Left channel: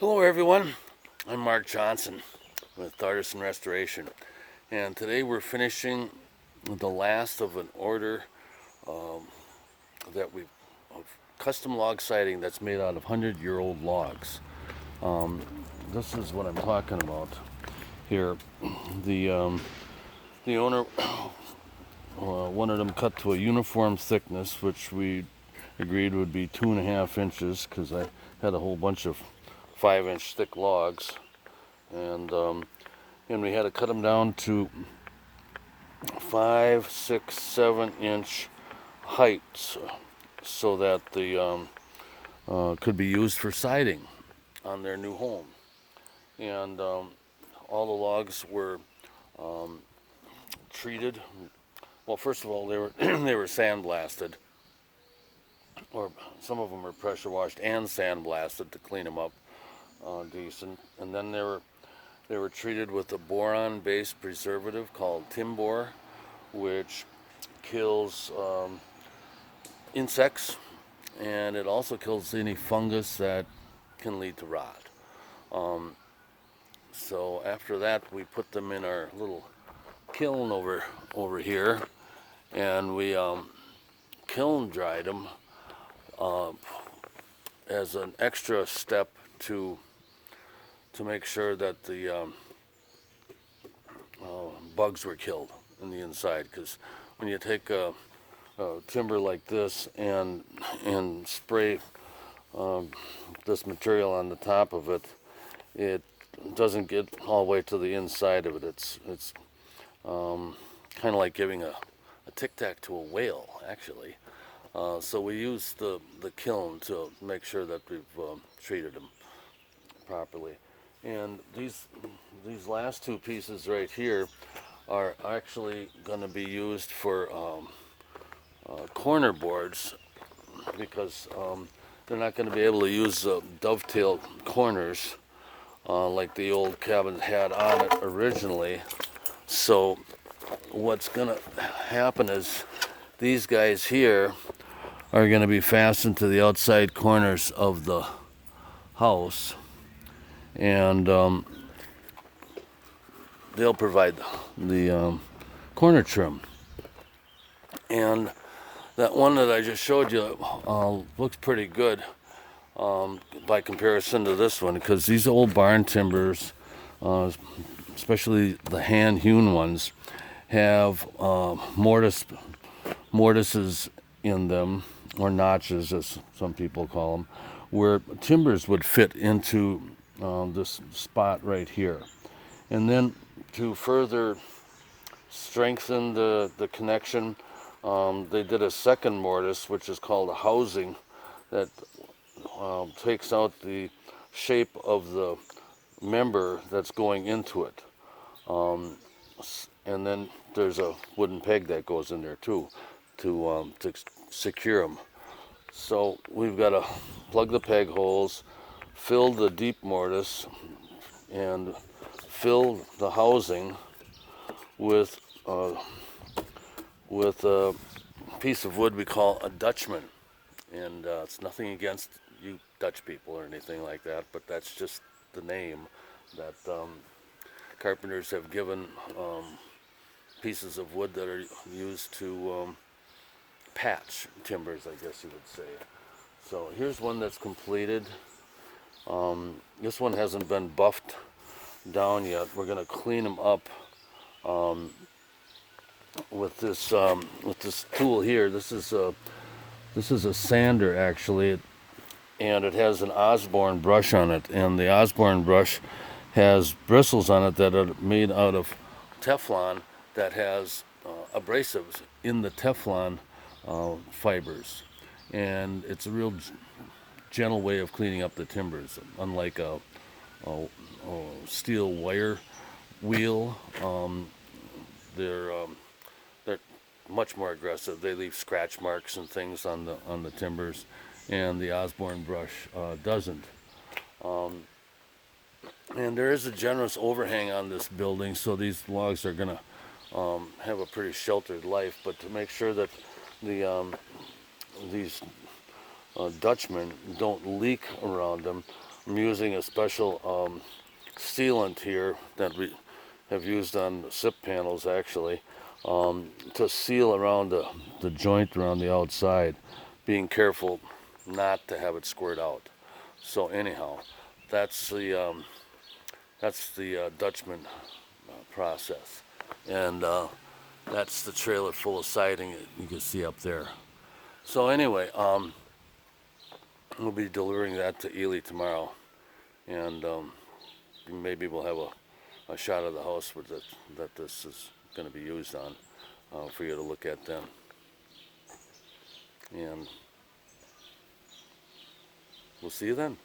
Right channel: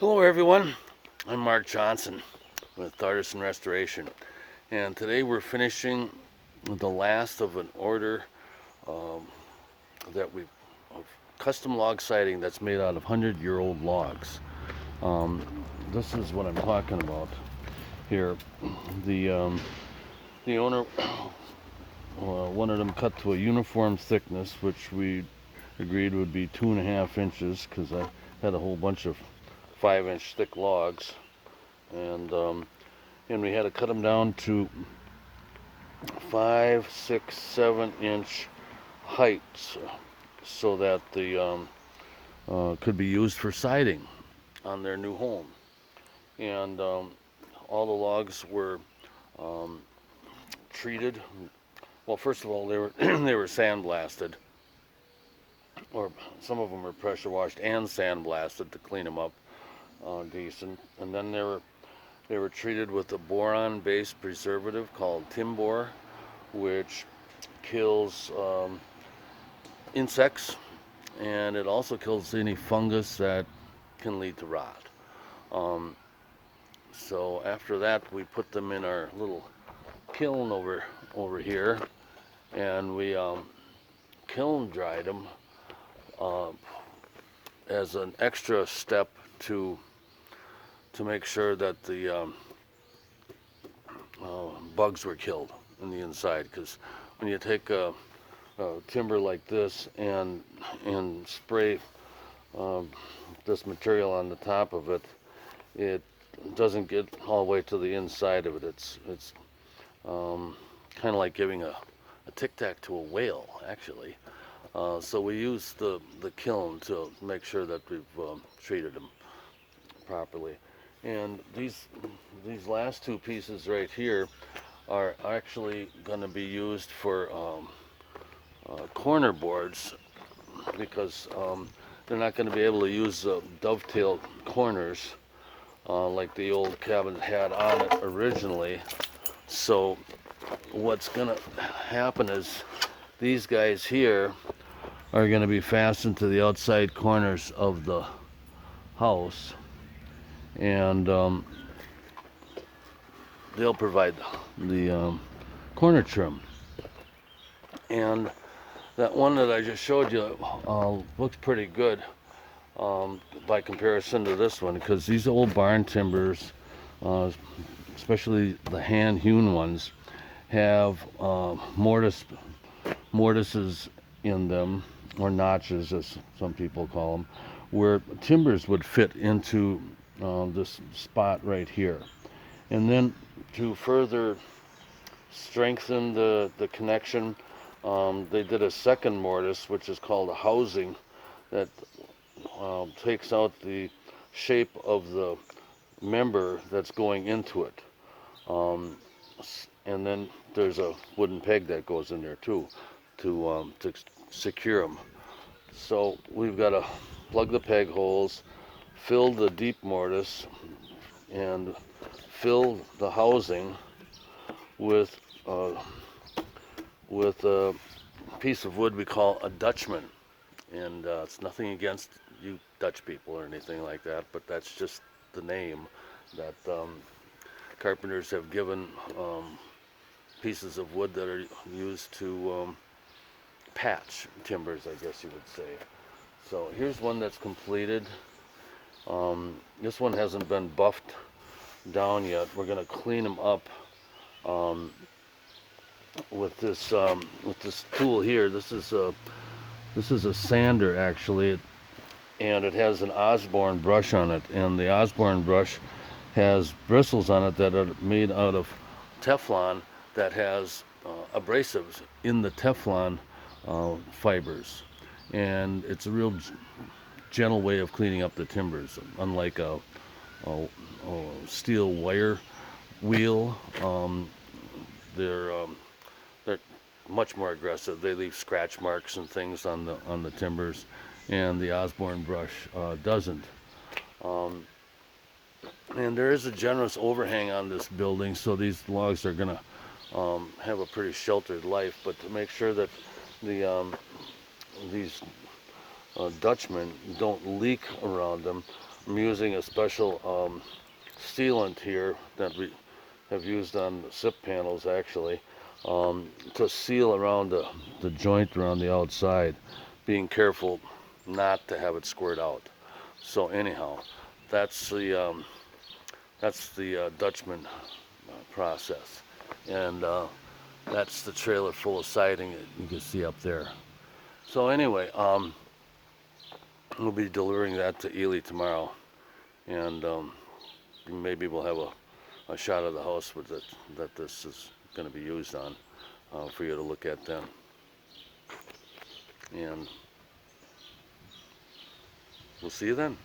Hello everyone, I'm Mark Johnson with Artisan Restoration, and today we're finishing the last of an order um, that we of custom log siding that's made out of 100-year-old logs. Um, this is what I'm talking about here. The the owner wanted them cut to a uniform thickness, which we agreed would be 2.5 inches because I had a whole bunch of 5-inch thick logs, and we had to cut them down to 5, 6, 7 inch heights so that the could be used for siding on their new home. And all the logs were um, treated. Well, first of all, they were they were sandblasted, or some of them were pressure washed and sandblasted to clean them up decent. And then they were treated with a boron-based preservative called Timbor, which kills insects, and it also kills any fungus that can lead to rot. Um, so after that, we put them in our little kiln over here, and we kiln dried them uh, as an extra step to make sure that the bugs were killed in the inside. Because when you take timber like this and spray um, this material on the top of it, it doesn't get all the way to the inside of it. It's kind of like giving a tic-tac to a whale, actually. So we use the kiln to make sure that we've treated them properly. And these last two pieces right here are actually going to be used for corner boards, because they're not going to be able to use dovetail corners like the old cabin had on it originally. So what's going to happen is these guys here are going to be fastened to the outside corners of the house, and they'll provide the corner trim. And that one that I just showed you looks pretty good by comparison to this one, because these old barn timbers, especially the hand-hewn ones, have mortises in them, or notches as some people call them, where timbers would fit into this spot right here. And then to further strengthen the connection, they did a second mortise, which is called a housing, that takes out the shape of the member that's going into it. And then there's a wooden peg that goes in there too to secure them. So we've got to plug the peg holes, fill the deep mortise, and fill the housing with a piece of wood we call a Dutchman. And it's nothing against you Dutch people or anything like that, but that's just the name that carpenters have given pieces of wood that are used to patch timbers, I guess you would say. So here's one that's completed. This one hasn't been buffed down yet. We're going to clean them up with this tool here. This is a sander, actually, and it has an Osborne brush on it, and the Osborne brush has bristles on it that are made out of Teflon that has abrasives in the Teflon fibers, and it's a real gentle way of cleaning up the timbers, unlike a steel wire wheel. They're much more aggressive. They leave scratch marks and things on the timbers, and the Osborne brush doesn't. And there is a generous overhang on this building, so these logs are going to have a pretty sheltered life. But to make sure that these Dutchmen don't leak around them, I'm using a special sealant here that we have used on the SIP panels actually, to seal around the joint around the outside, being careful not to have it squirt out. So anyhow, that's the Dutchman process, and that's the trailer full of siding that you can see up there. So anyway, we'll be delivering that to Ely tomorrow, and maybe we'll have a shot of the house with it, that this is going to be used on, for you to look at then. And we'll see you then.